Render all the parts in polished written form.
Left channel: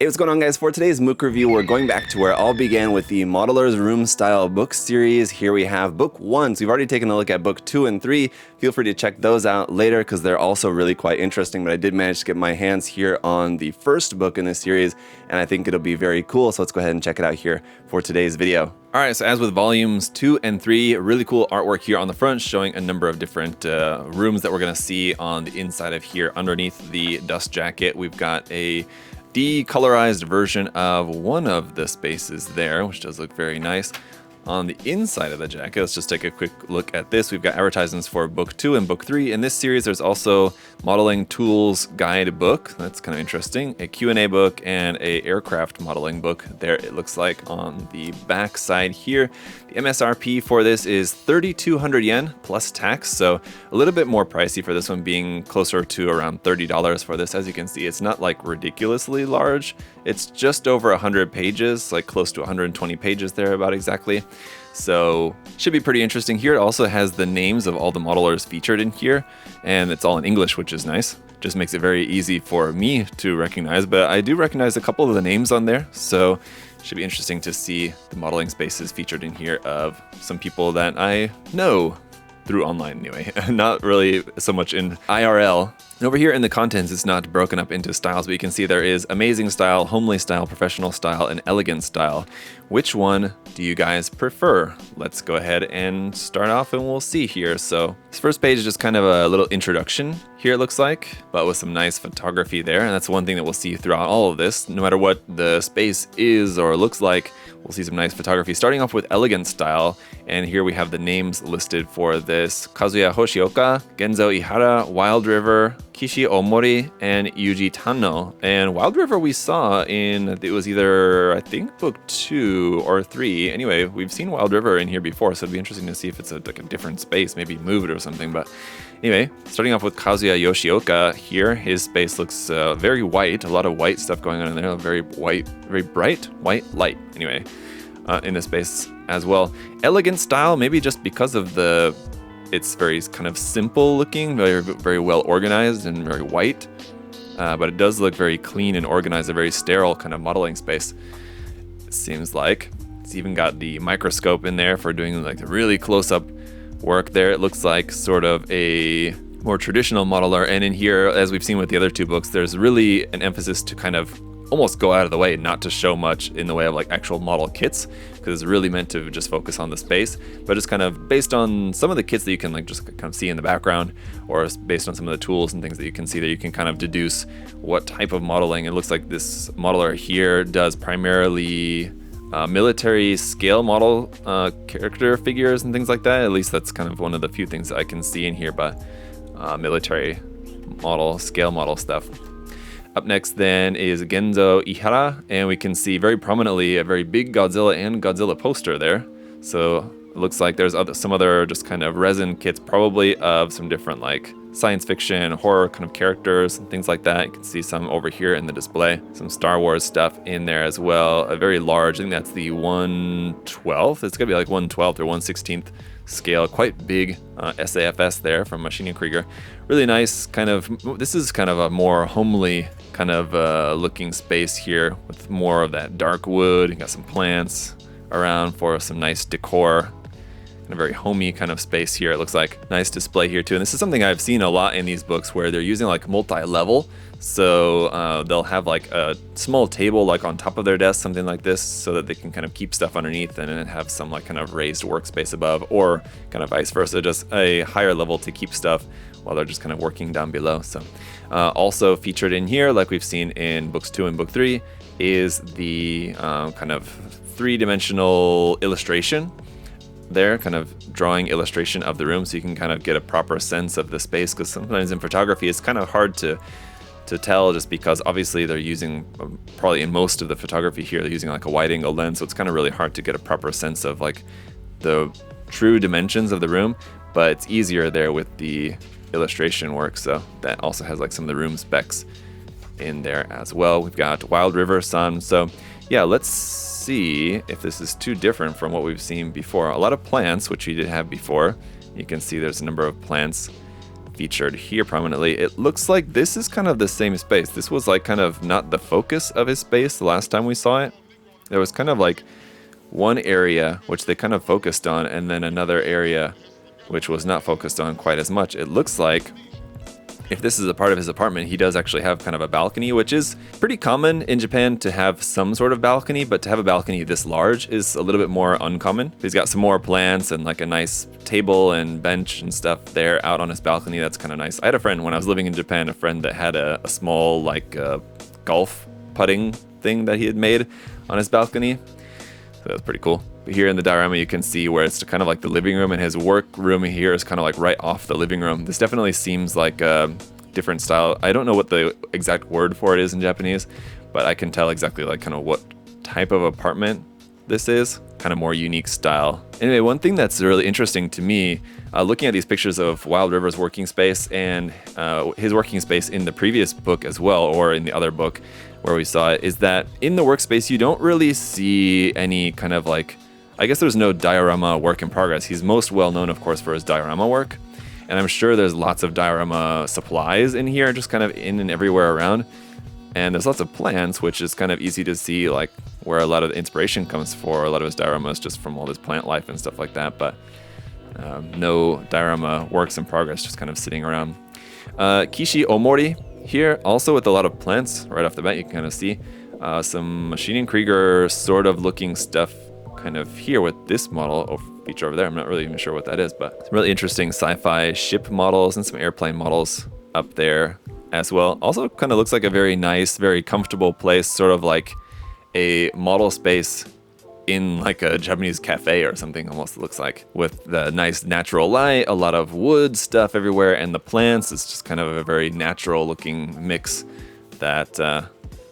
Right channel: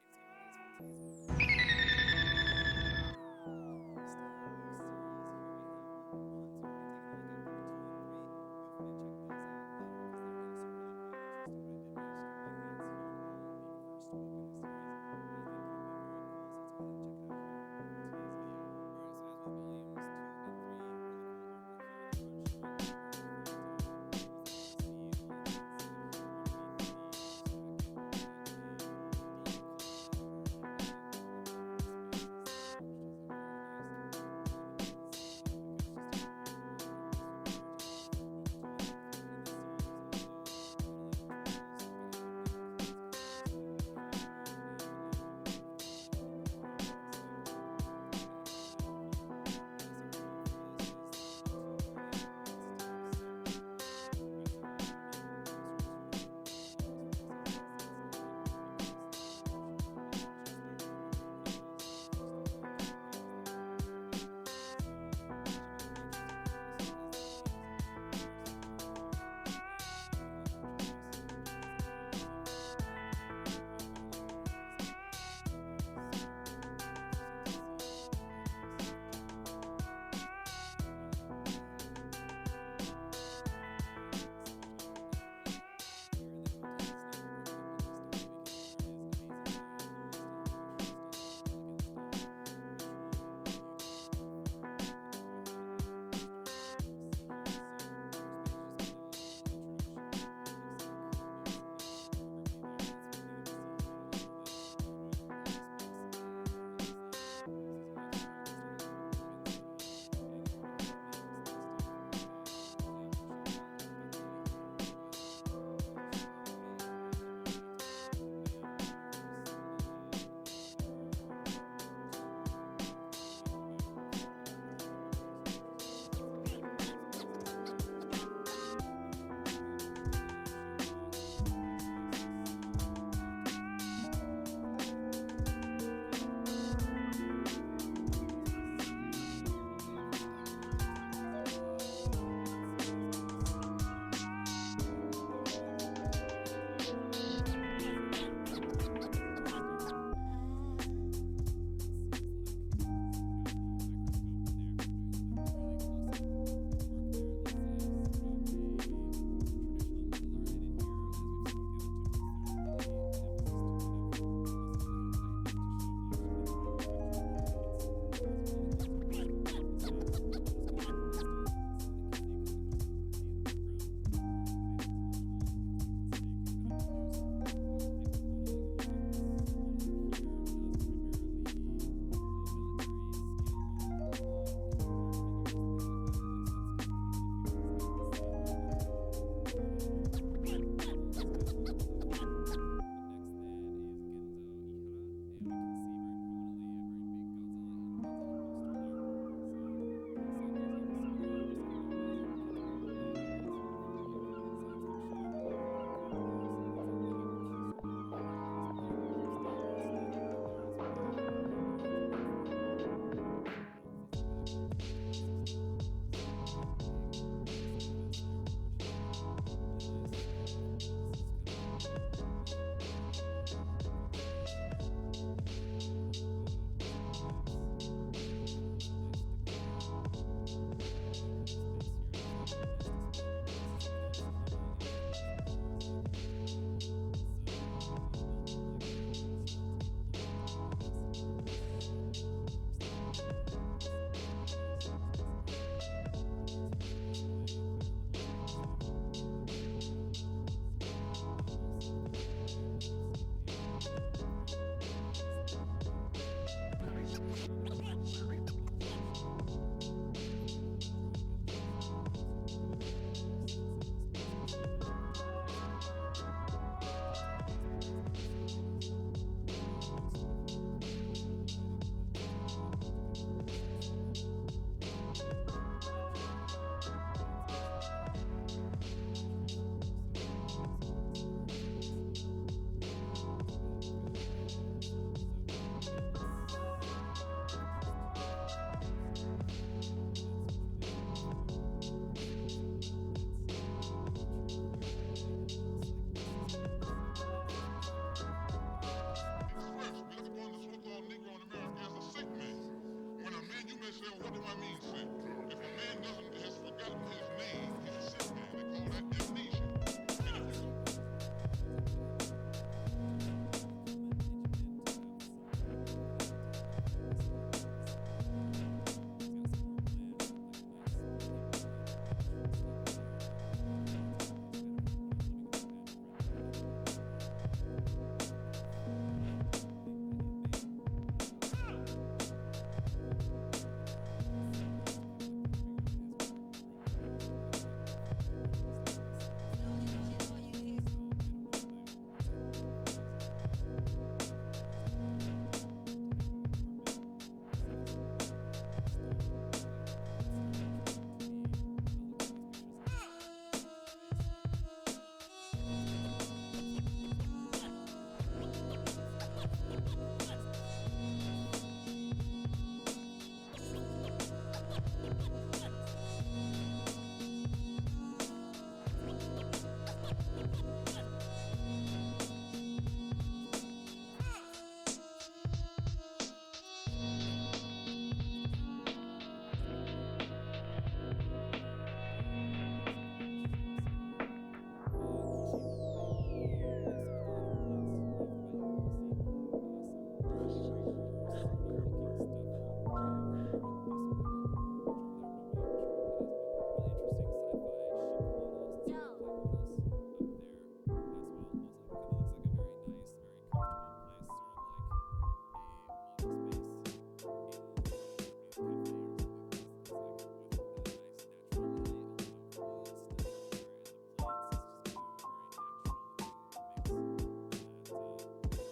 Hey, what's going on, guys? For today's Mook review, we're going back to where it all began with the Modeler's Room Style book series. Here we have book 1, so we've already taken a look at book 2 and 3. Feel free to check those out later because they're also really quite interesting, but I did manage to get my hands here on the first book in this series, and I think it'll be very cool, so let's go ahead and check it out here for today's video. Alright, so as with volumes 2 and 3, really cool artwork here on the front showing a number of different rooms that we're going to see on the inside of here. Underneath the dust jacket, we've got a decolorized version of one of the spaces there, which does look very nice. On the inside of the jacket, let's just take a quick look at this. We've got advertisements for book 2 and book 3. In this series, there's also modeling tools guide book. That's kind of interesting. A Q&A book and a aircraft modeling book. There it looks like on the back side here. The MSRP for this is 3,200 yen plus tax, so a little bit more pricey for this one, being closer to around $30 for this. As you can see, it's not like ridiculously large. It's just over 100 pages, like close to 120 pages there about exactly. So should be pretty interesting here. It also has the names of all the modelers featured in here, and it's all in English, which is nice. Just makes it very easy for me to recognize, but I do recognize a couple of the names on there, so should be interesting to see the modeling spaces featured in here of some people that I know through online anyway, not really so much in IRL. And over here in the contents, it's not broken up into styles, but you can see there is amazing style, homely style, professional style, and elegant style. Which one do you guys prefer? Let's go ahead and start off and we'll see here. So this first page is just kind of a little introduction here, it looks like, but with some nice photography there. And that's one thing that we'll see throughout all of this. No matter what the space is or looks like, we'll see some nice photography. Starting off with elegant style, and here we have the names listed for this: Kazuya Hoshioka, Genzo Ihara, Wild River, Kishi Omori, and Yuji Tano. And Wild River we saw in, it was either, I think, book 2 or 3. Anyway, we've seen Wild River in here before, so it'd be interesting to see if it's like a different space, maybe move it or something. But anyway, starting off with Kazuya Yoshioka here, his space looks very white, a lot of white stuff going on in there, very white, very bright white light. Anyway, in this space as well. Elegant style, maybe just because of it's very kind of simple looking, very well organized and very white, but it does look very clean and organized, a very sterile kind of modeling space. It seems like it's even got the microscope in there for doing like the really close-up work there. It looks like sort of a more traditional modeler, and in here, as we've seen with the other two books, there's really an emphasis to kind of almost go out of the way, not to show much in the way of like actual model kits, because it's really meant to just focus on the space, but it's kind of based on some of the kits that you can like just kind of see in the background, or based on some of the tools and things that you can see, that you can kind of deduce what type of modeling. It looks like this modeler here does primarily military scale model character figures and things like that. At least that's kind of one of the few things that I can see in here, but military model, scale model stuff. Up next then is Genzo Ihara, and we can see very prominently a very big Godzilla and Godzilla poster there. So it looks like there's some other just kind of resin kits, probably of some different like science fiction, horror kind of characters, things like that. You can see some over here in the display, some Star Wars stuff in there as well. A very large, I think that's the 1/12th. It's gonna be like 1/12th or 1/16th scale, quite big SAFS there from Machine & Krieger. Really nice kind of, this is kind of a more homely kind of looking space here with more of that dark wood. You got some plants around for some nice decor. A very homey kind of space here. It looks like nice display here too. And this is something I've seen a lot in these books where they're using like multi-level. So they'll have like a small table like on top of their desk, something like this, so that they can kind of keep stuff underneath and then have some like kind of raised workspace above, or kind of vice versa, just a higher level to keep stuff while they're just kind of working down below. So also featured in here, like we've seen in books 2 and book 3, is the kind of three-dimensional illustration there, kind of drawing illustration of the room, so you can kind of get a proper sense of the space, because sometimes in photography it's kind of hard to tell, just because obviously they're using, probably in most of the photography here, they're using like a wide angle lens, so it's kind of really hard to get a proper sense of like the true dimensions of the room, but it's easier there with the illustration work. So that also has like some of the room specs in there as well. We've got Wild River Sun. So yeah, let's see if this is too different from what we've seen before. A lot of plants, which we did have before. You can see there's a number of plants featured here prominently. It looks like this is kind of the same space. This was like kind of not the focus of his space the last time we saw it. There was kind of like one area which they kind of focused on, and then another area which was not focused on quite as much. It looks like if this is a part of his apartment, he does actually have kind of a balcony, which is pretty common in Japan to have some sort of balcony, but to have a balcony this large is a little bit more uncommon. He's got some more plants and like a nice table and bench and stuff there out on his balcony. That's kind of nice. I had a friend when I was living in Japan, a friend that had a small like golf putting thing that he had made on his balcony. So that's pretty cool. Here in the diorama, you can see where it's kind of like the living room, and his work room here is kind of like right off the living room. This definitely seems like a different style. I don't know what the exact word for it is in Japanese, but I can tell exactly like kind of what type of apartment this is. Kind of more unique style. Anyway, one thing that's really interesting to me, looking at these pictures of Wild River's working space and his working space in the previous book as well, or in the other book where we saw it, is that in the workspace you don't really see any kind of like, I guess there's no diorama work in progress. He's most well known, of course, for his diorama work. And I'm sure there's lots of diorama supplies in here, just kind of in and everywhere around. And there's lots of plants, which is kind of easy to see, like where a lot of the inspiration comes for a lot of his dioramas, just from all his plant life and stuff like that. But no diorama works in progress, just kind of sitting around. Kishi Omori here, also with a lot of plants. Right off the bat, you can kind of see some Maschinen Krieger sort of looking stuff kind of here with this model or feature over there. I'm not really even sure what that is, but some really interesting sci-fi ship models and some airplane models up there as well. Also kind of looks like a very nice, very comfortable place, sort of like a model space in like a Japanese cafe or something, almost looks like, with the nice natural light, a lot of wood stuff everywhere, and the plants. It's just kind of a very natural looking mix that I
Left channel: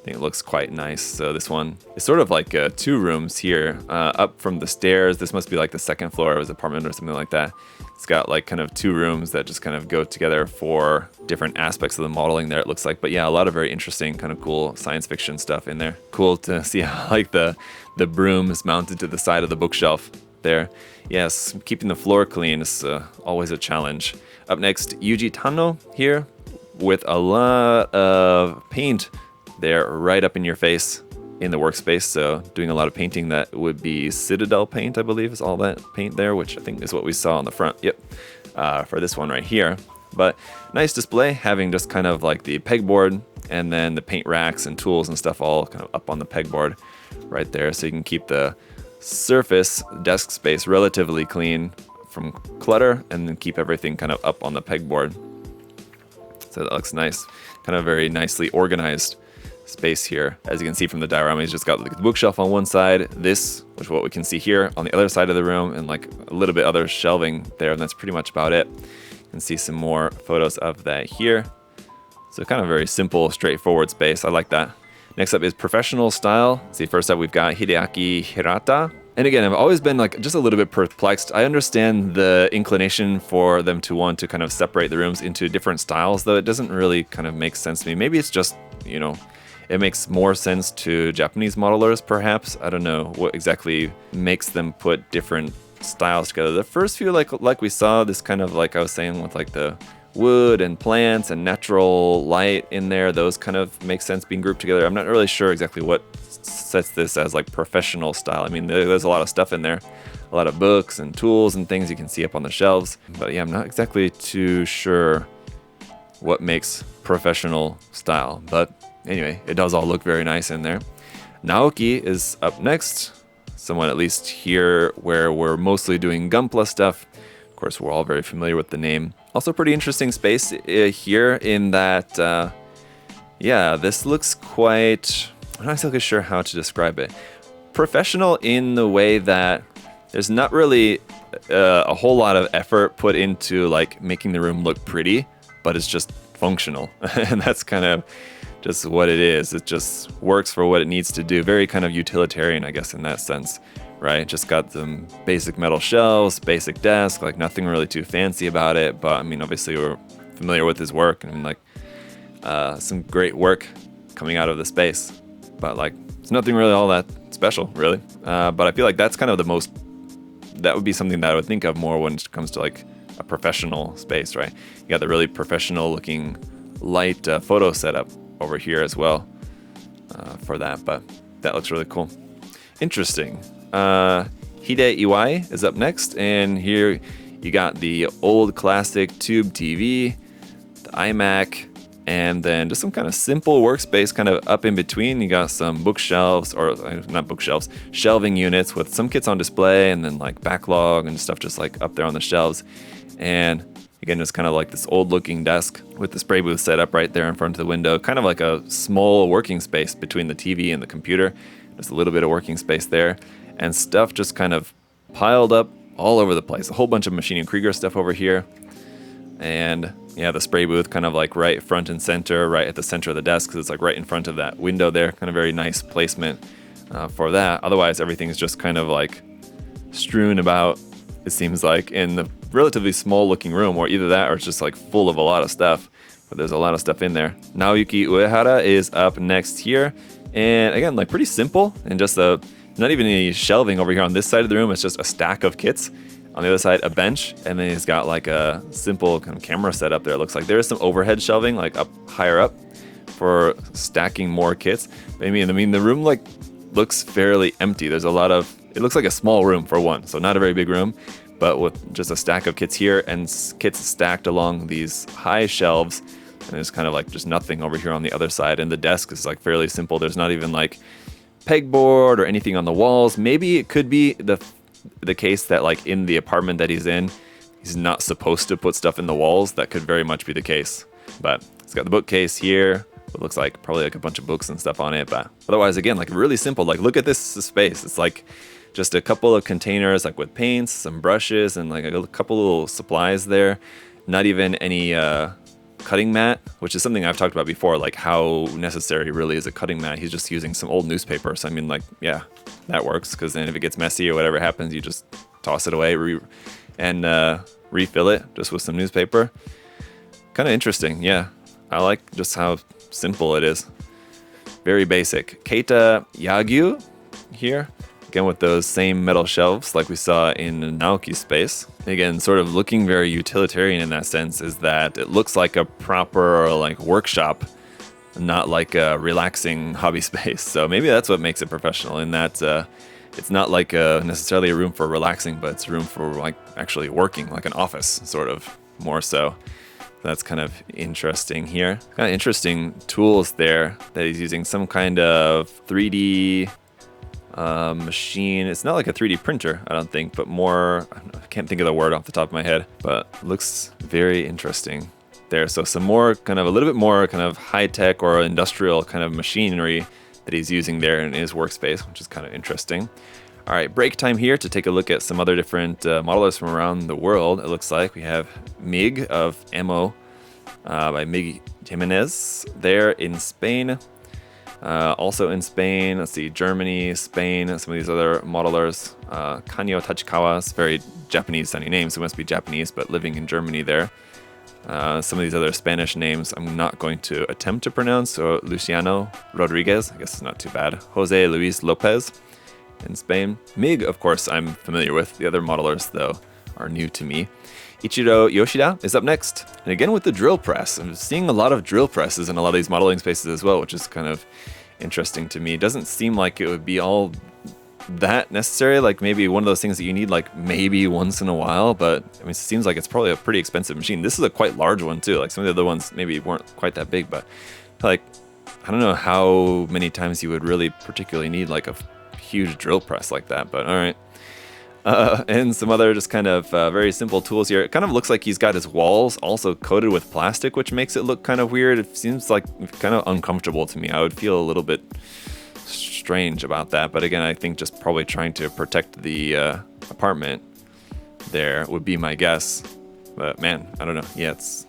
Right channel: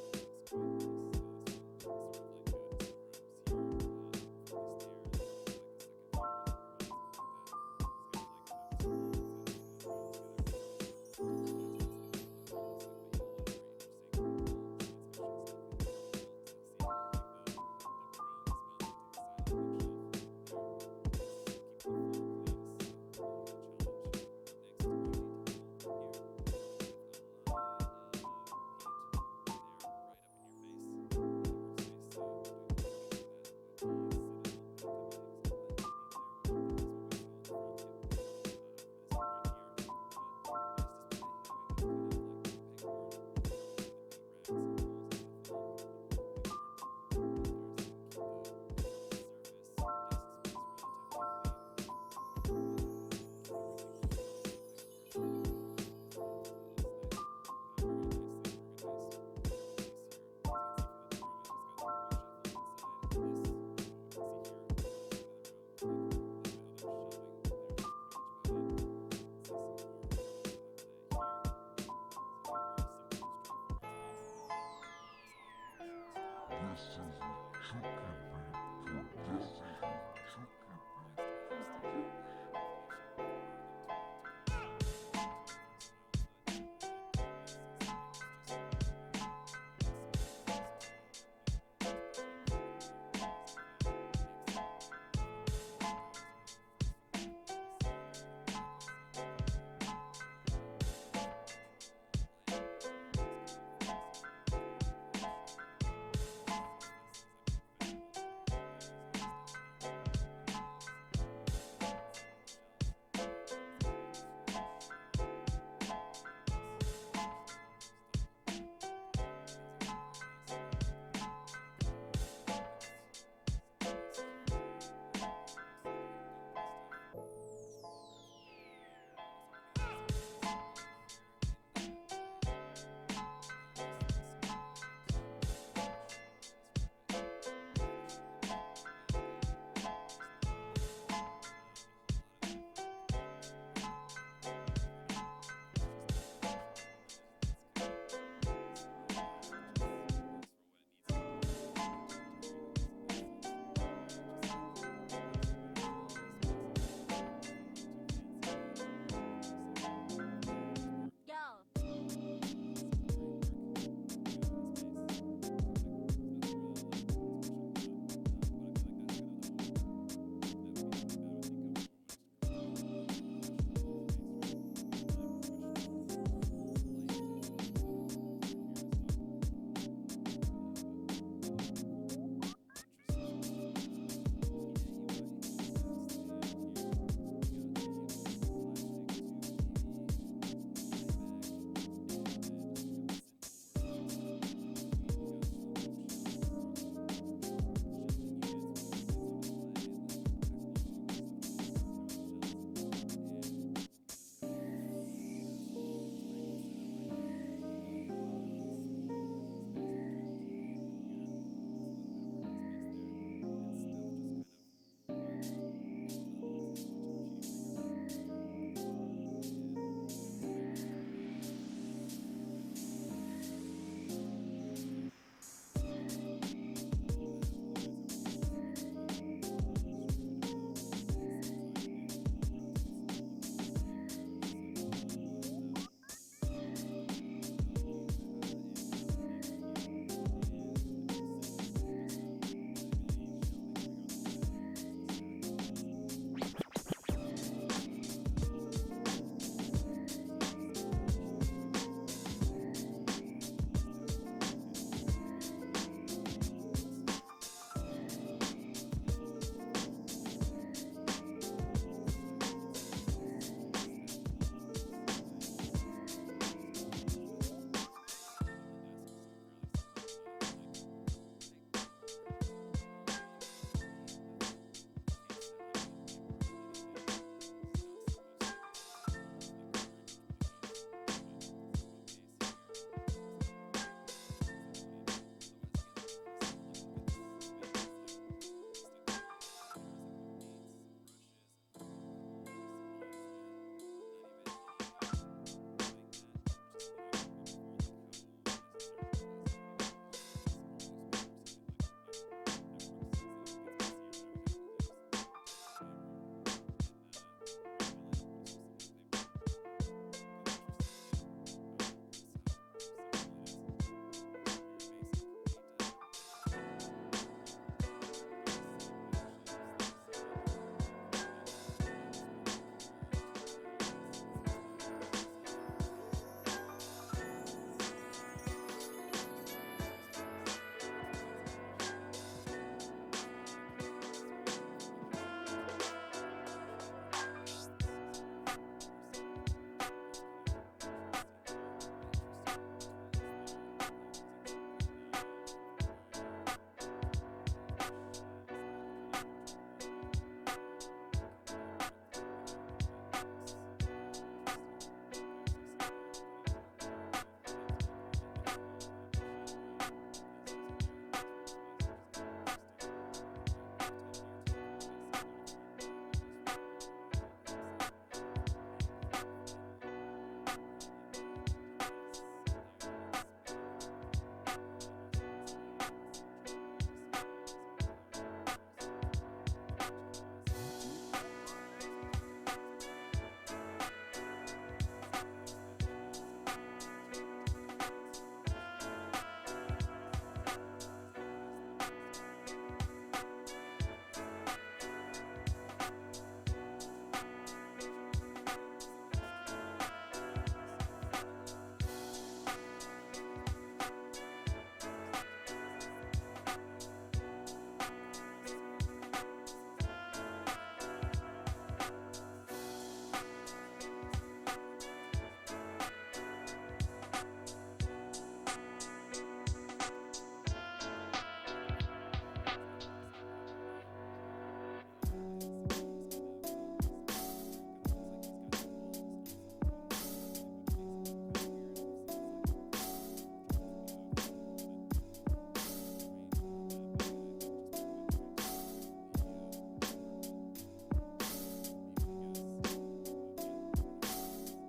think it looks quite nice. So this one is sort of like 2 rooms here, up from the stairs. This must be like the second floor of his apartment or something like that. It's got like kind of 2 rooms that just kind of go together for different aspects of the modeling there, it looks like. But yeah, a lot of very interesting, kind of cool science fiction stuff in there. Cool to see how like the broom is mounted to the side of the bookshelf there. Yes, keeping the floor clean is always a challenge. Up next, Yuji Tano here with a lot of paint there right up in your face in the workspace. So doing a lot of painting that would be Citadel paint, I believe, is all that paint there, which I think is what we saw on the front. Yep, for this one right here. But nice display, having just kind of like the pegboard and then the paint racks and tools and stuff all kind of up on the pegboard right there, so you can keep the surface desk space relatively clean from clutter and then keep everything kind of up on the pegboard. So that looks nice, kind of very nicely organized space here. As you can see from the diorama, he's just got like the bookshelf on one side, this, which is what we can see here, on the other side of the room, and like a little bit other shelving there, and that's pretty much about it. You can see some more photos of that here. So kind of very simple, straightforward space. I like that. Next up is professional style. See, first up we've got Hideaki Hirata. And again, I've always been like just a little bit perplexed. I understand the inclination for them to want to kind of separate the rooms into different styles, though it doesn't really kind of make sense to me. Maybe it's just, you know, it makes more sense to Japanese modelers, perhaps. I don't know what exactly makes them put different styles together. The first few, like we saw, this kind of, like I was saying, with like the wood and plants and natural light in there, those kind of make sense being grouped together. I'm not really sure exactly what sets this as like professional style. I mean, there's a lot of stuff in there, a lot of books and tools and things you can see up on the shelves. But yeah, I'm not exactly too sure what makes professional style. But anyway, it does all look very nice in there. Naoki is up next. Someone at least here where we're mostly doing Gunpla stuff. Of course, we're all very familiar with the name. Also pretty interesting space here in that, yeah, this looks quite, I'm not exactly sure how to describe it. Professional in the way that there's not really a whole lot of effort put into like making the room look pretty, but it's just functional. And that's kind of just what it is. It just works for what it needs to do. Very kind of utilitarian, I guess, in that sense, right? Just got some basic metal shelves, basic desk, like nothing really too fancy about it. But I mean, obviously we're familiar with his work and like some great work coming out of the space. But like, it's nothing really all that special, really. But I feel like that's kind of the most, that would be something that I would think of more when it comes to like a professional space, right? You got the really professional looking light photo setup over here as well for that, but that looks really cool. Interesting. Hide Iwai is up next, and here you got the old classic tube TV, the iMac, and then just some kind of simple workspace kind of up in between. You got some bookshelves, or not bookshelves, shelving units with some kits on display, and then like backlog and stuff just like up there on the shelves. And again, it's kind of like this old looking desk with the spray booth set up right there in front of the window, kind of like a small working space between the TV and the computer. Just a little bit of working space there, and stuff just kind of piled up all over the place. A whole bunch of Machine and Krieger stuff over here. And yeah, the spray booth kind of like right front and center, right at the center of the desk, because it's like right in front of that window there. Kind of very nice placement for that. Otherwise, everything's just kind of like strewn about, it seems like, in the relatively small looking room, or either that or it's just like full of a lot of stuff. But there's a lot of stuff in there. Naoyuki Uehara is up next here. And again, like pretty simple, and just not even any shelving over here on this side of the room. It's just a stack of kits. On the other side, a bench, and then he's got like a simple kind of camera setup there. It looks like there's some overhead shelving like up higher up for stacking more kits. But I mean, the room like looks fairly empty. There's a lot of, it looks like a small room for one, so not a very big room, but with just a stack of kits here and kits stacked along these high shelves. And there's kind of like just nothing over here on the other side. And the desk is like fairly simple. There's not even like pegboard or anything on the walls. Maybe it could be the case that like in the apartment that he's in, he's not supposed to put stuff in the walls. That could very much be the case. But it's got the bookcase here. It looks like probably like a bunch of books and stuff on it. But otherwise, again, like really simple. Like look at this space. It's like just a couple of containers like with paints, some brushes, and like a couple little supplies there. Not even any cutting mat, which is something I've talked about before, like how necessary really is a cutting mat. He's just using some old newspaper. So I mean, like, yeah, that works, because then if it gets messy or whatever happens, you just toss it away and refill it just with some newspaper. Kind of interesting. Yeah, I like just how simple it is. Very basic. Keita Yagyu here. Again, with those same metal shelves like we saw in Naoki's space. Again, sort of looking very utilitarian in that sense, is that it looks like a proper like workshop, not like a relaxing hobby space. So maybe that's what makes it professional, in that it's not like necessarily a room for relaxing, but it's a room for like actually working, like an office sort of, more so. That's kind of interesting here. Kind of interesting tools there that he's using. Some kind of 3D machine. It's not like a 3D printer, I don't think, but more, I can't think of the word off the top of my head, but looks very interesting there. So some more kind of, a little bit more kind of high-tech or industrial kind of machinery that he's using there in his workspace, which is kind of interesting. All right, break time here to take a look at some other different modelers from around the world. It looks like we have Mig of Ammo by Mig Jimenez there in Spain. Also in Spain, let's see, Germany, Spain, some of these other modelers. Kanyo Tachikawa, it's very Japanese sounding name, so it must be Japanese, but living in Germany there. Some of these other Spanish names I'm not going to attempt to pronounce. So Luciano Rodriguez, I guess it's not too bad. Jose Luis Lopez in Spain. Mig, of course, I'm familiar with. The other modelers, though, are new to me. Ichiro Yoshida is up next. And again with the drill press. I'm seeing a lot of drill presses in a lot of these modeling spaces as well, which is kind of interesting to me. It doesn't seem like it would be all that necessary, like maybe one of those things that you need like maybe once in a while, but I mean, it seems like it's probably a pretty expensive machine. This is a quite large one too. Like some of the other ones maybe weren't quite that big, but like I don't know how many times you would really particularly need like a huge drill press like that, but all right. And some other just kind of very simple tools here. It kind of looks like he's got his walls also coated with plastic, which makes it look kind of weird. It seems like kind of uncomfortable to me. I would feel a little bit strange about that. But again, I think just probably trying to protect the apartment there would be my guess. But man, I don't know. Yeah, it's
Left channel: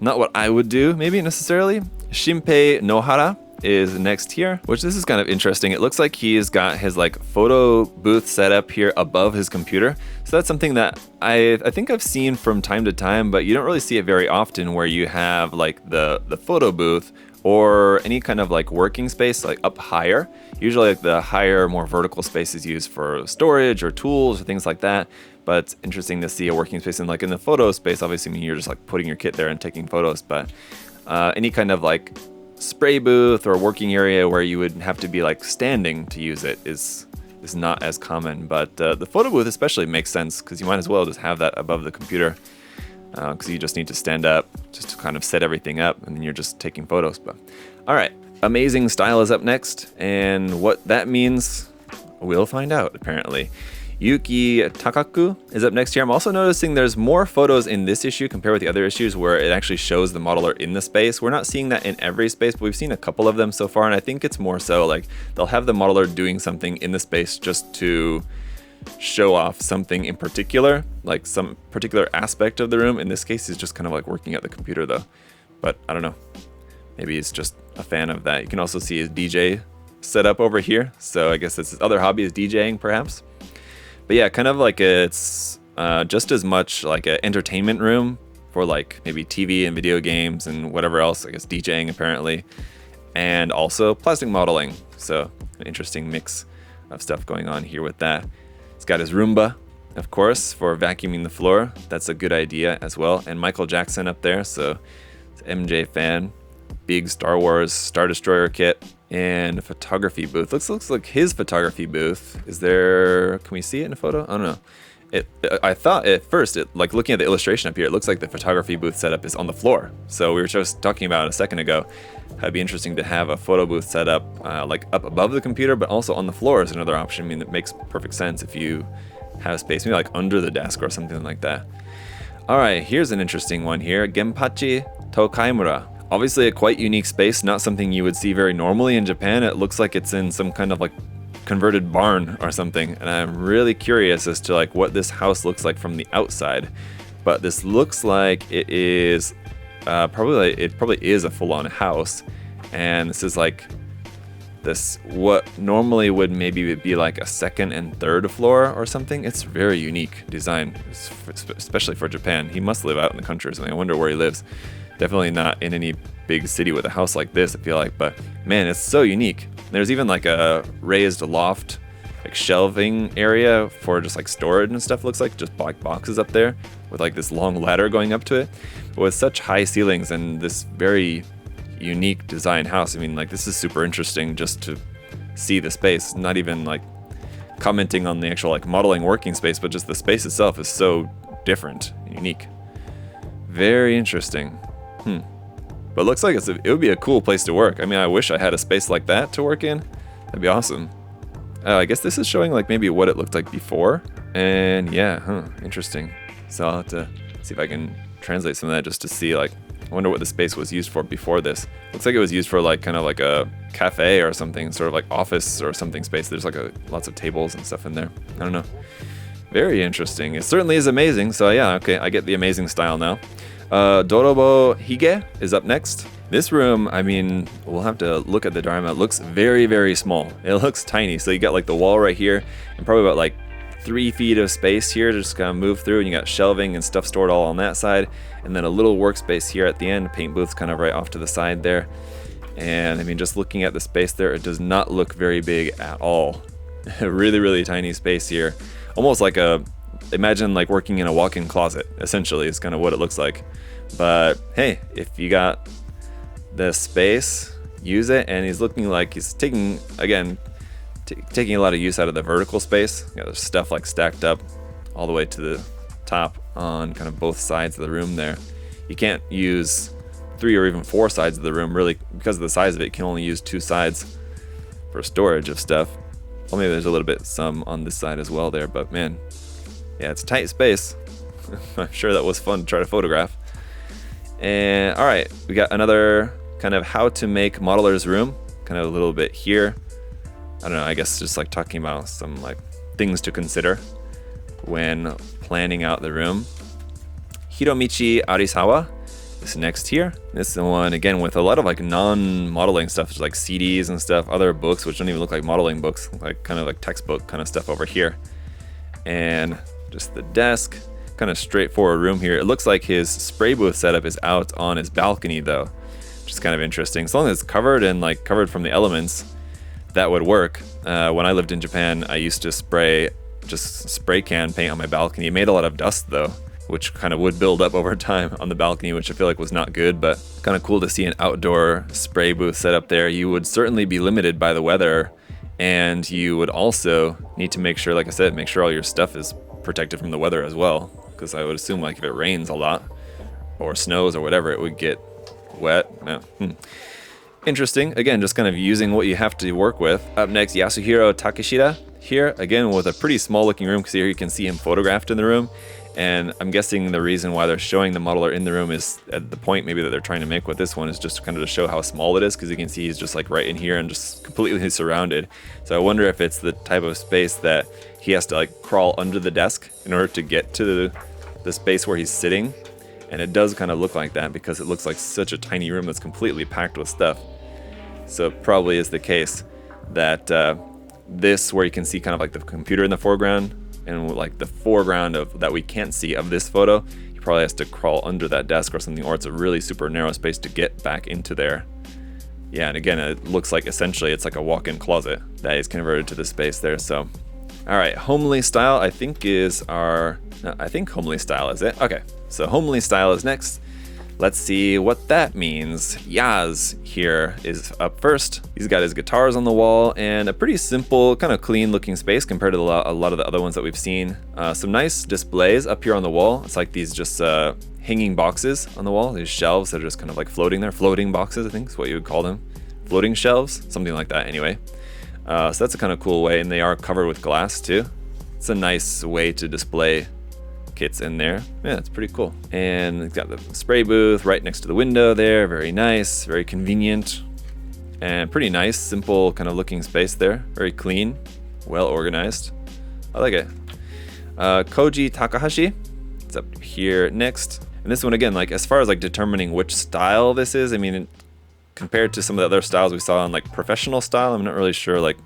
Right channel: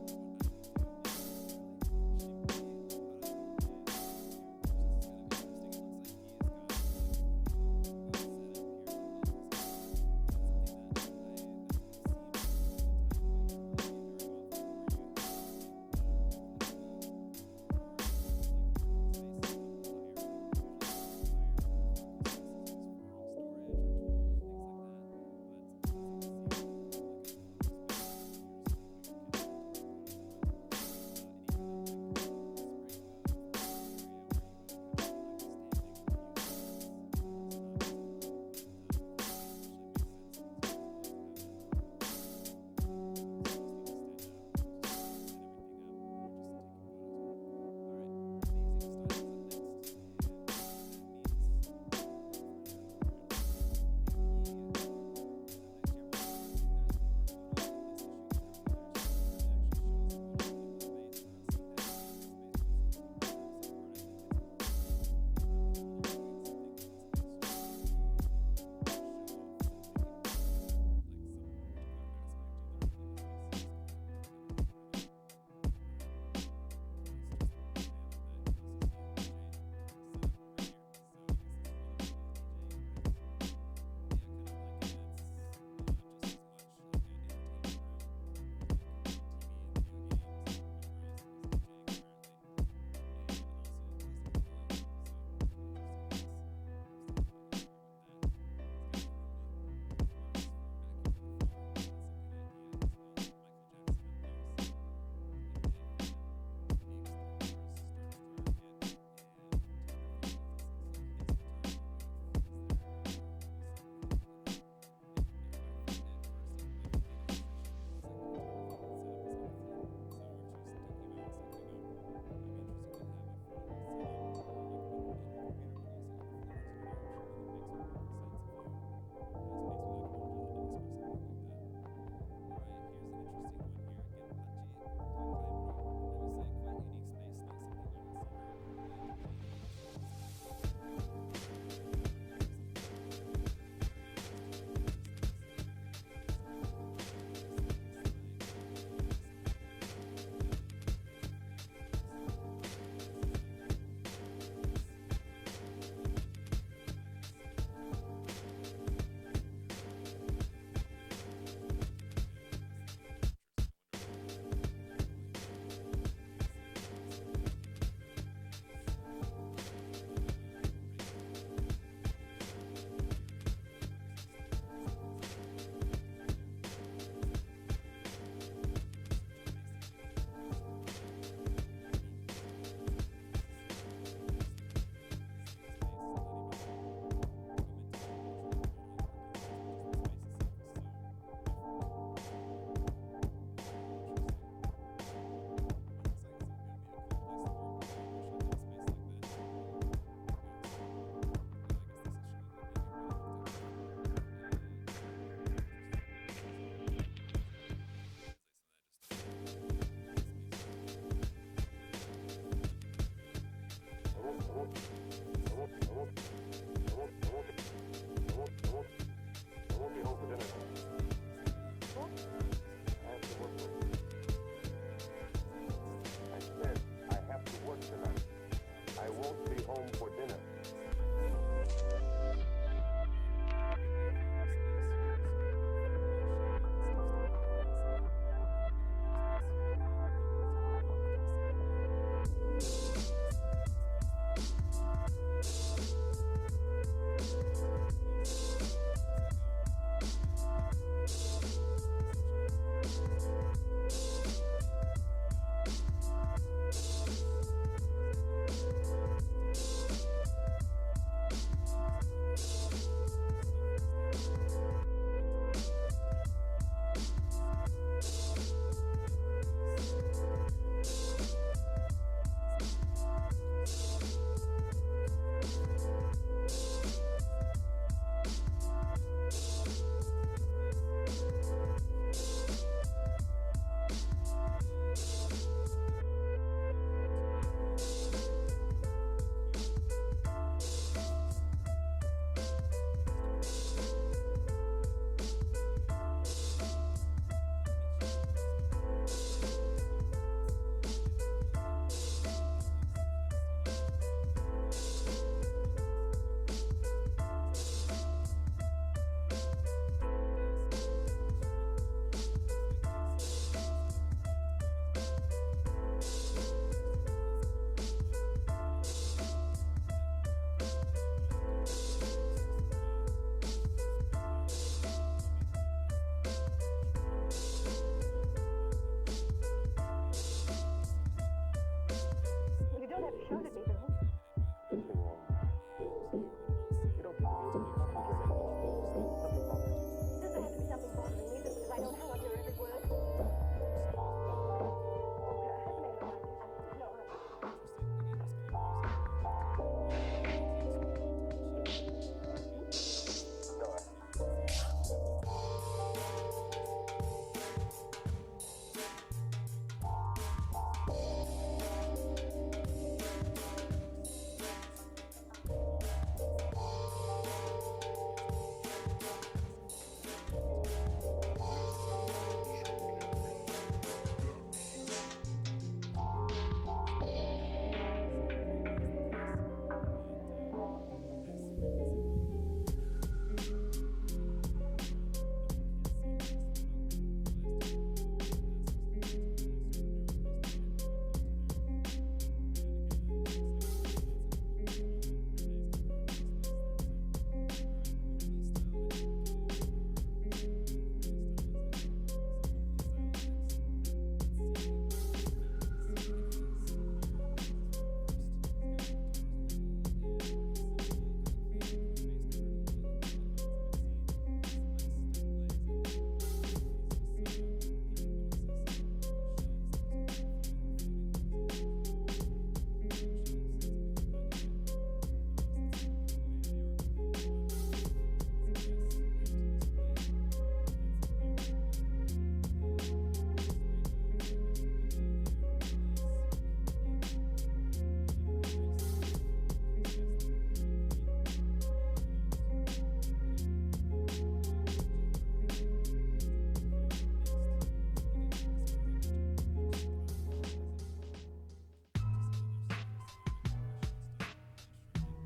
not what I would do, maybe necessarily. Shinpei Nohara is next here, which this is kind of interesting. It looks like he's got his like photo booth set up here above his computer. So that's something that I think I've seen from time to time, but you don't really see it very often, where you have like the photo booth or any kind of like working space like up higher. Usually like the higher, more vertical space is used for storage or tools or things like that. but it's interesting to see a working space. And like in the photo space, obviously, I mean, you're just like putting your kit there and taking photos, but any kind of like spray booth or working area where you would have to be like standing to use it is not as common. But the photo booth especially makes sense because you might as well just have that above the computer, because you just need to stand up just to kind of set everything up, and then you're just taking photos. But all right, amazing style is up next, and what that means we'll find out apparently. Yuki Takaku is up next here. I'm also noticing there's more photos in this issue compared with the other issues where it actually shows the modeler in the space. We're not seeing that in every space, but we've seen a couple of them so far, and I think it's more so like they'll have the modeler doing something in the space just to show off something in particular, like some particular aspect of the room. In this case, he's just kind of like working at the computer though, but I don't know. Maybe he's just a fan of that. You can also see his DJ set up over here, so I guess that's his other hobby is DJing perhaps. But yeah, kind of like it's just as much like an entertainment room for like maybe TV and video games and whatever else, I guess DJing apparently, and also plastic modeling. So an interesting mix of stuff going on here with that. It's got his Roomba, of course, for vacuuming the floor. That's a good idea as well. And Michael Jackson up there, so it's MJ fan. Big Star Wars Star Destroyer kit and a photography booth. Looks like his photography booth. Is there? Can we see it in a photo? I don't know. I thought at first, like looking at the illustration up here, it looks like the photography booth setup is on the floor. So we were just talking about it a second ago. It'd be interesting to have a photo booth set up like up above the computer, but also on the floor is another option. I mean, that makes perfect sense if you have space, maybe like under the desk or something like that. All right, here's an interesting one here. Genpachi Tokaimura. Obviously a quite unique space, not something you would see very normally in Japan. It looks like it's in some kind of like converted barn or something, and I'm really curious as to like what this house looks like from the outside. But this looks like it is probably is a full-on house, and this is like this what normally would maybe be like a second and third floor or something. It's very unique design, especially for Japan. He must live out in the country or something. I wonder where he lives. Definitely not in any big city with a house like this, I feel like, but man, it's so unique. There's even like a raised loft, like shelving area for just like storage and stuff, looks like just black boxes up there with like this long ladder going up to it. But with such high ceilings and this very unique design house, I mean, like this is super interesting just to see the space, not even like commenting on the actual like modeling working space, but just the space itself is so different, unique. Very interesting. But it looks like it would be a cool place to work. I mean, I wish I had a space like that to work in. That'd be awesome. I guess this is showing like maybe what it looked like before. And yeah, interesting. So I'll have to see if I can translate some of that just to see like, I wonder what the space was used for before this. Looks like it was used for like kind of like a cafe or something, sort of like office or something space. There's like lots of tables and stuff in there. I don't know. Very interesting. It certainly is amazing. So yeah, okay, I get the amazing style now. Dorobo Hige is up next. This room, I mean, we'll have to look at the diagram. It looks very, very small. It looks tiny. So you got like the wall right here and probably about like 3 feet of space here to just kind of move through, and you got shelving and stuff stored all on that side, and then a little workspace here at the end, paint booth's kind of right off to the side there. And I mean, just looking at the space there, it does not look very big at all. A really, really tiny space here. Almost like imagine like working in a walk-in closet, essentially, is kind of what it looks like. But hey, if you got the space, use it. And he's looking like he's taking, again, taking a lot of use out of the vertical space. You got stuff like stacked up all the way to the top on kind of both sides of the room there. You can't use 3 or even 4 sides of the room, really, because of the size of it. You can only use 2 sides for storage of stuff. Well, maybe there's a little bit some on this side as well there, but man, yeah, it's a tight space. I'm sure that was fun to try to photograph. And all right, we got another kind of how to make modeler's room, kind of a little bit here. I don't know, I guess just like talking about some like things to consider when planning out the room. Hiromichi Arisawa is next here. This is the one, again, with a lot of like non-modeling stuff, just like CDs and stuff, other books, which don't even look like modeling books, like kind of like textbook kind of stuff over here. And just the desk, kind of straightforward room here. It looks like his spray booth setup is out on his balcony though, which is kind of interesting. As long as it's covered and like covered from the elements, that would work. When I lived in Japan, I used to spray just spray can paint on my balcony. It made a lot of dust though, which kind of would build up over time on the balcony, which I feel like was not good, but kind of cool to see an outdoor spray booth set up there. You would certainly be limited by the weather, and you would also need to make sure, like I said, make sure all your stuff is protected from the weather as well, because I would assume like if it rains a lot or snows or whatever, it would get wet. No. Interesting. Again, just kind of using what you have to work with. Up next, Yasuhiro Takeshita here, again with a pretty small looking room, because here you can see him photographed in the room. And I'm guessing the reason why they're showing the modeler in the room is at the point maybe that they're trying to make with this one is just kind of to show how small it is, because you can see he's just like right in here and just completely surrounded. So I wonder if it's the type of space that he has to like crawl under the desk in order to get to the space where he's sitting. And it does kind of look like that because it looks like such a tiny room that's completely packed with stuff. So it probably is the case that this, where you can see kind of like the computer in the foreground, and like the foreground of that we can't see of this photo, he probably has to crawl under that desk or something, or it's a really super narrow space to get back into there. Yeah, and again, it looks like essentially it's like a walk-in closet that is converted to the space there. So, all right, homely style I think is our, no, I think homely style is it. Okay, so homely style is next. Let's see what that means. Yaz here is up first. He's got his guitars on the wall and a pretty simple, kind of clean looking space compared to a lot of the other ones that we've seen. Some nice displays up here on the wall. It's like these just hanging boxes on the wall, these shelves that are just kind of like floating there. Floating boxes, I think is what you would call them. Floating shelves, something like that anyway. So that's a kind of cool way, and they are covered with glass too. It's a nice way to display kits in there. Yeah, it's pretty cool. And it's got the spray booth right next to the window there. Very nice, very convenient, and pretty nice, simple kind of looking space there. Very clean, well organized. I like it. Koji Takahashi, it's up here next. And this one again, like as far as like determining which style this is, I mean, compared to some of the other styles we saw in like professional style, I'm not really sure. Like,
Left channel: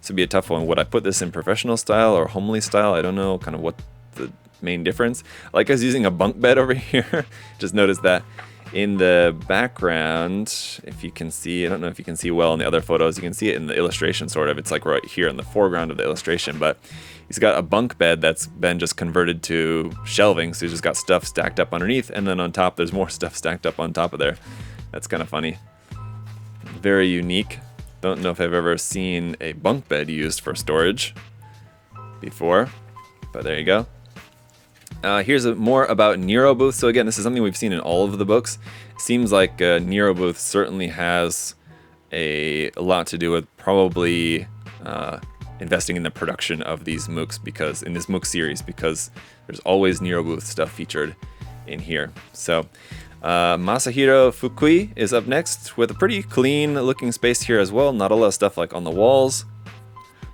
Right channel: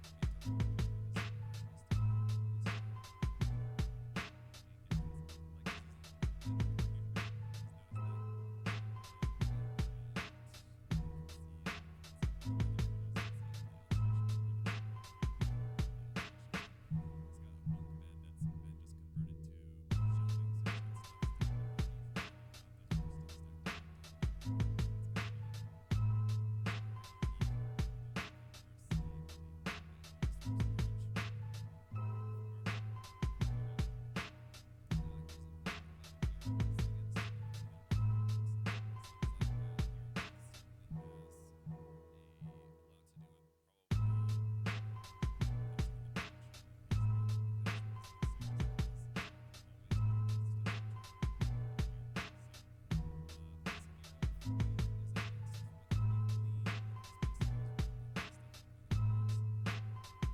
this would be a tough one. Would I put this in professional style or homely style? I don't know kind of what the main difference. Like I was using a bunk bed over here. Just noticed that in the background, if you can see, I don't know if you can see well in the other photos, you can see it in the illustration sort of. It's like right here in the foreground of the illustration, but he's got a bunk bed that's been just converted to shelving. So he's just got stuff stacked up underneath, and then on top there's more stuff stacked up on top of there. That's kind of funny. Very unique. Don't know if I've ever seen a bunk bed used for storage before, but there you go. Here's more about Nero Booth. So again, this is something we've seen in all of the books. Seems like Nero Booth certainly has a lot to do with probably investing in the production of these Mooks, because in this Mook series, because there's always Nero Booth stuff featured in here. So Masahiro Fukui is up next with a pretty clean looking space here as well. Not a lot of stuff like on the walls.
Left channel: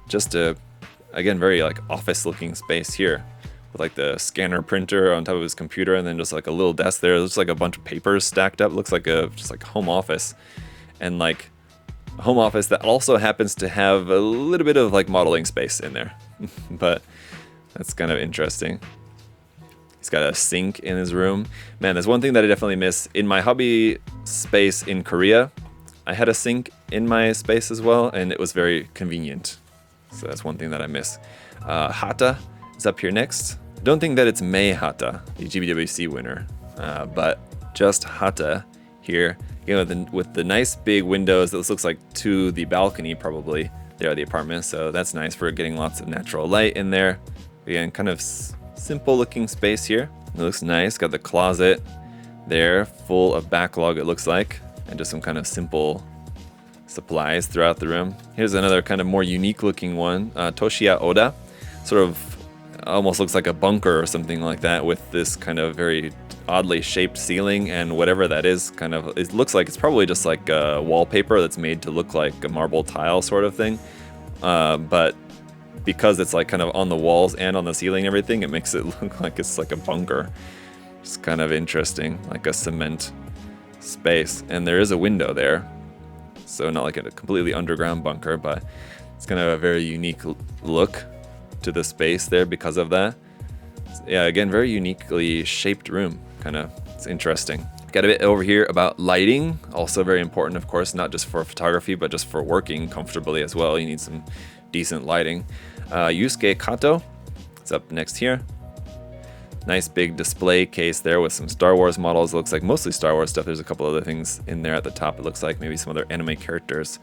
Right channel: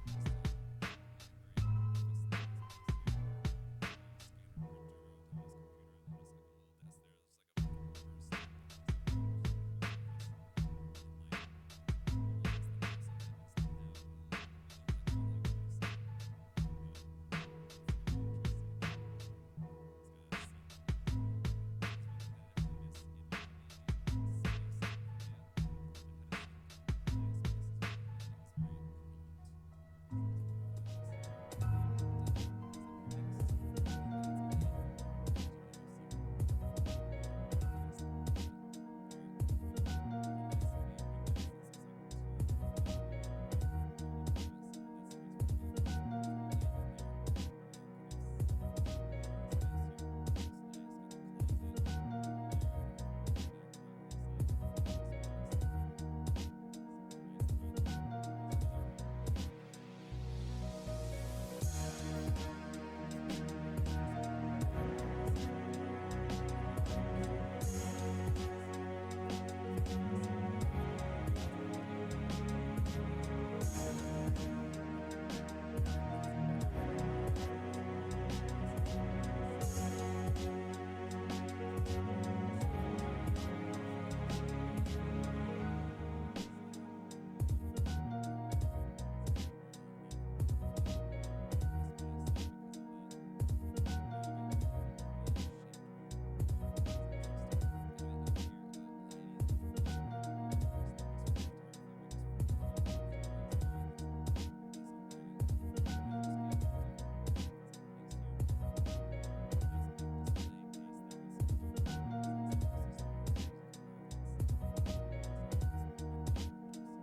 Just a, again, very like office looking space here. With like the scanner printer on top of his computer, and then just like a little desk there. It looks like a bunch of papers stacked up. Looks like a just like home office, and like a home office that also happens to have a little bit of like modeling space in there. But that's kind of interesting. He's got a sink in his room. Man, there's one thing that I definitely miss in my hobby space in Korea. I had a sink in my space as well, and it was very convenient. So that's one thing that I miss. Hata is up here next. Don't think that it's Mei Hata, the GBWC winner, but just Hata here. You know, with the nice big windows, this looks like to the balcony probably. There are the apartments, so that's nice for getting lots of natural light in there. Again, kind of simple looking space here. It looks nice. Got the closet there, full of backlog it looks like, and just some kind of simple supplies throughout the room. Here's another kind of more unique looking one, Toshiya Oda. Sort of almost looks like a bunker or something like that, with this kind of very oddly shaped ceiling, and whatever that is, kind of, it looks like it's probably just like a wallpaper that's made to look like a marble tile sort of thing. But because it's like kind of on the walls and on the ceiling and everything, it makes it look like it's like a bunker. It's kind of interesting, like a cement space. And there is a window there, so not like a completely underground bunker, but it's kind of a very unique look to the space there because of that. Yeah, again, very uniquely shaped room. Kind of, it's interesting. Got a bit over here about lighting, also very important, of course, not just for photography, but just for working comfortably as well. You need some decent lighting. Yusuke Kato is up next here. Nice big display case there with some Star Wars models. Looks like mostly Star Wars stuff. There's a couple other things in there at the top. It looks like maybe some other anime characters.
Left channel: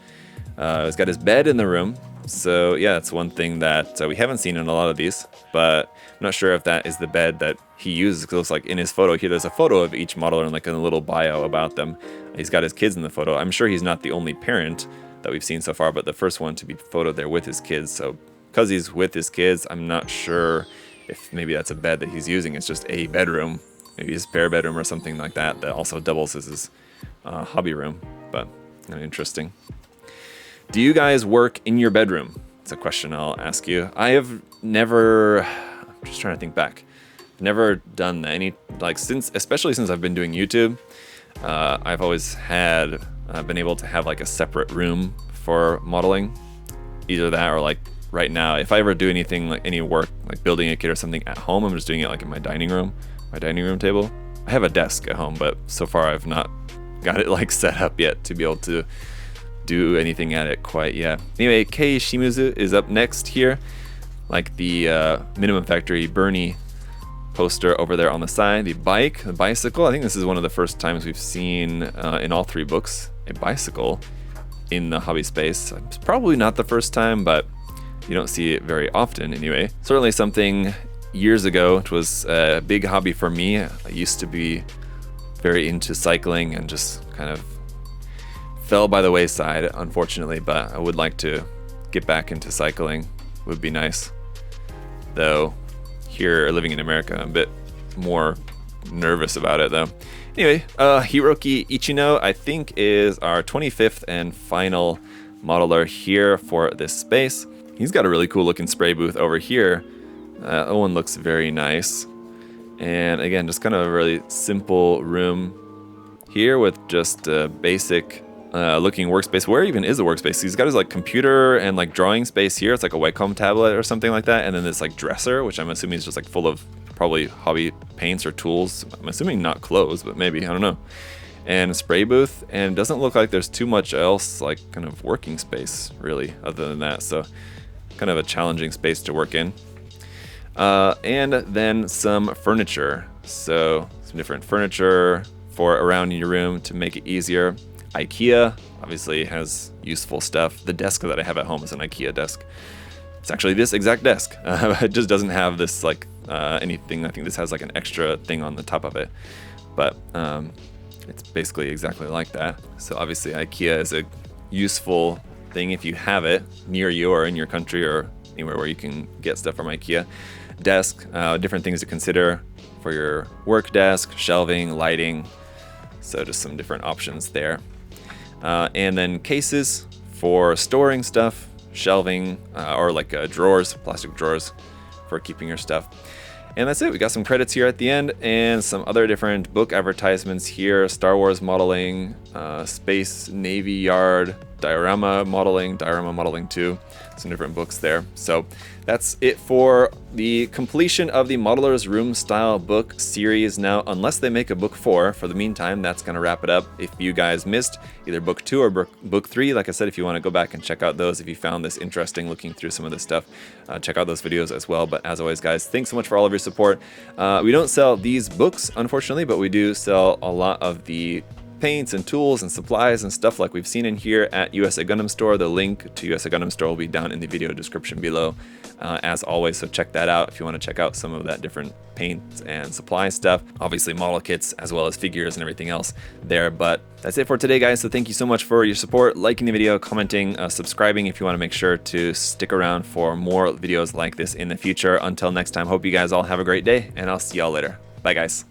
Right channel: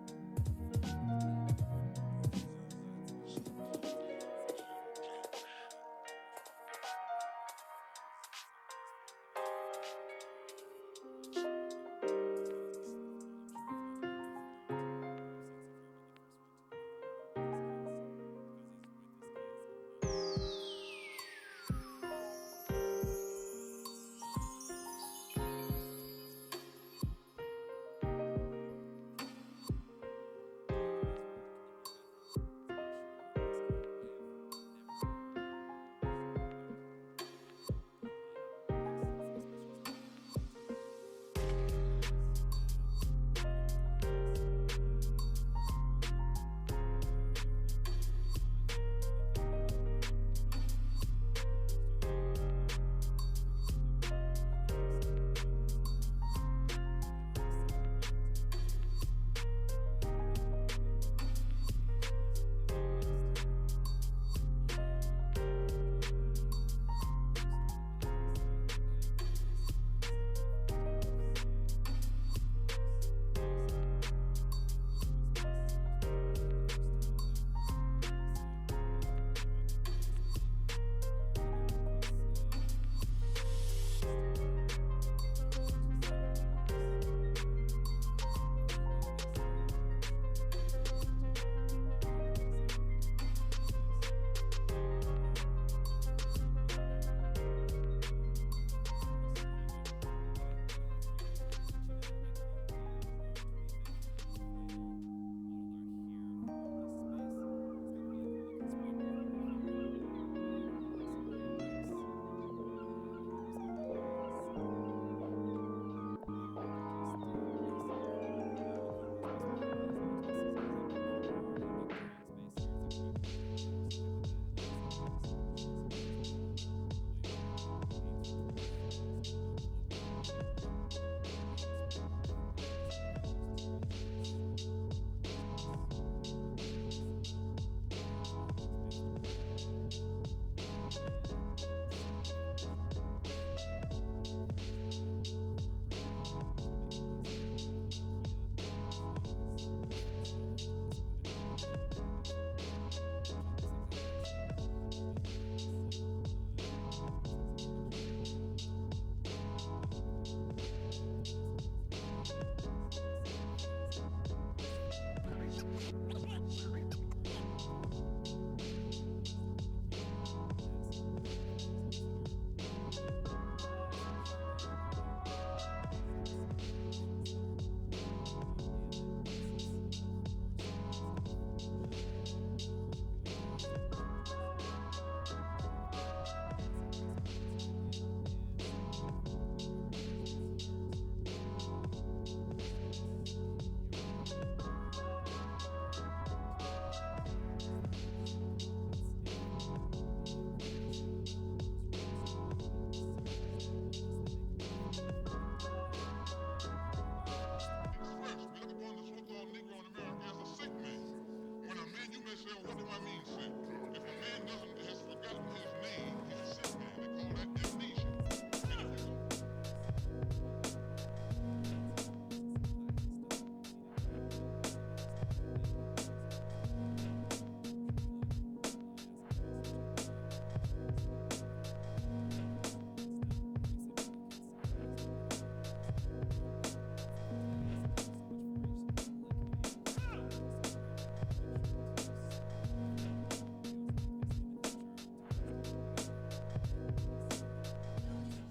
He's got his bed in the room. So yeah, that's one thing that we haven't seen in a lot of these, but I'm not sure if that is the bed that he uses. It looks like in his photo here, there's a photo of each model and like a little bio about them. He's got his kids in the photo. I'm sure he's not the only parent that we've seen so far, but the first one to be photoed there with his kids. So because he's with his kids, I'm not sure if maybe that's a bed that he's using. It's just a bedroom, maybe his spare bedroom or something like that, that also doubles as his hobby room, but interesting. Do you guys work in your bedroom? It's a question I'll ask you. I have never, I'm just trying to think back, never done that. Especially since I've been doing YouTube, I've always had, been able to have like a separate room for modeling. Either that or like right now, if I ever do anything like any work, like building a kit or something at home, I'm just doing it like in my dining room table. I have a desk at home, but so far I've not got it like set up yet to be able to do anything at it quite yet. Anyway, Kei Shimizu is up next here, like the Minimum Factory Bernie poster over there on the side. The bicycle, I think this is one of the first times we've seen in all three books a bicycle in the hobby space. It's probably not the first time, but you don't see it very often anyway. Certainly something years ago, it was a big hobby for me. I used to be very into cycling and just kind of fell by the wayside, unfortunately, but I would like to get back into cycling. Would be nice. Though here, living in America, I'm a bit more nervous about it though. Anyway, Hiroki Ichino, I think, is our 25th and final modeler here for this space. He's got a really cool looking spray booth over here. That one looks very nice. And again, just kind of a really simple room here with just a basic looking workspace. Where even is the workspace? He's got his like computer and like drawing space here. It's like a Wacom tablet or something like that. And then this like dresser, which I'm assuming is just like full of probably hobby paints or tools. I'm assuming not clothes, but maybe, I don't know. And a spray booth, and it doesn't look like there's too much else like kind of working space really other than that. So kind of a challenging space to work in. And then some furniture. So some different furniture for around your room to make it easier. IKEA obviously has useful stuff. The desk that I have at home is an IKEA desk. It's actually this exact desk. It just doesn't have this like anything. I think this has like an extra thing on the top of it, but it's basically exactly like that. So obviously IKEA is a useful thing if you have it near you or in your country or anywhere where you can get stuff from IKEA. Desk, different things to consider for your work desk, shelving, lighting. So just some different options there. And then cases for storing stuff, shelving, or like drawers, plastic drawers for keeping your stuff. And that's it. We got some credits here at the end and some other different book advertisements here. Star Wars modeling, Space Navy Yard, Diorama modeling 2, some different books there. So that's it for the completion of the Modeler's Room style book series. Now, unless they make a book 4, for the meantime, that's going to wrap it up. If you guys missed either book 2 or book 3, like I said, if you want to go back and check out those, if you found this interesting looking through some of this stuff, check out those videos as well. But as always, guys, thanks so much for all of your support. We don't sell these books, unfortunately, but we do sell a lot of the paints and tools and supplies and stuff like we've seen in here at USA Gundam Store. The link to USA Gundam Store will be down in the video description below, as always, so check that out if you want to check out some of that different paint and supply stuff. Obviously model kits as well as figures and everything else there. But that's it for today, guys, so thank you so much for your support, liking the video, commenting, subscribing if you want to make sure to stick around for more videos like this in the future. Until next time, hope you guys all have a great day, and I'll see y'all later. Bye, guys.